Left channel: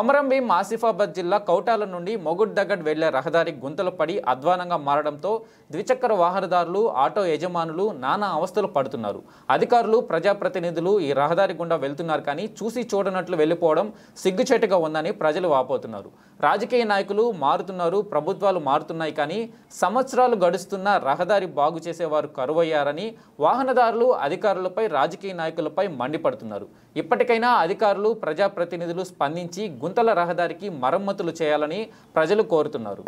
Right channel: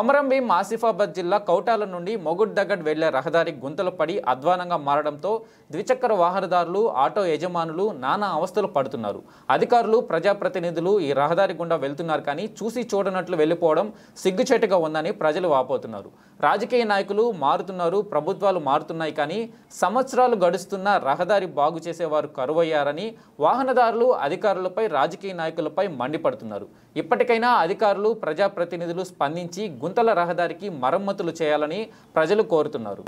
కొమరంభీం ఆసిఫాబాద్ జిల్లా కౌటాల నుండి మొగుడ్ దగ్గడ్ వెళ్లే రహదారి గుంతలు పడి అధ్వానంగా మారడంతో ద్విచక్ర వాహనదారులు ఆటో యజమానులు నానా అవస్థలు పడుతున్నారు. అధికారులు ప్రజాప్రతినిధులు ఈ రహదారి గుండా వెళ్తున్నారు కానీ చూసి చూడనట్లు వెళ్లిపోవడం సిగ్గుచేటుగా ఉందని ప్రజలు వాపోతున్నారు. రాజకీయ నాయకులు మారుతున్నారు, ప్రభుత్వాలు మారుతున్నాయి కానీ సంవత్సరాలు గడుస్తున్న రహదారి బాగు చేసేవారు కరువయ్యారని వాహనదారులు అధికారులపై రాజకీయ నాయకులపై మండిపడుతున్నారు. ఇప్పటికైనా అధికారులు ప్రజాప్రతినిధులు స్పందించి గుంతల రహదారికి మరమ్మతులు చేయాలని ప్రజలు కోరుతున్నారు.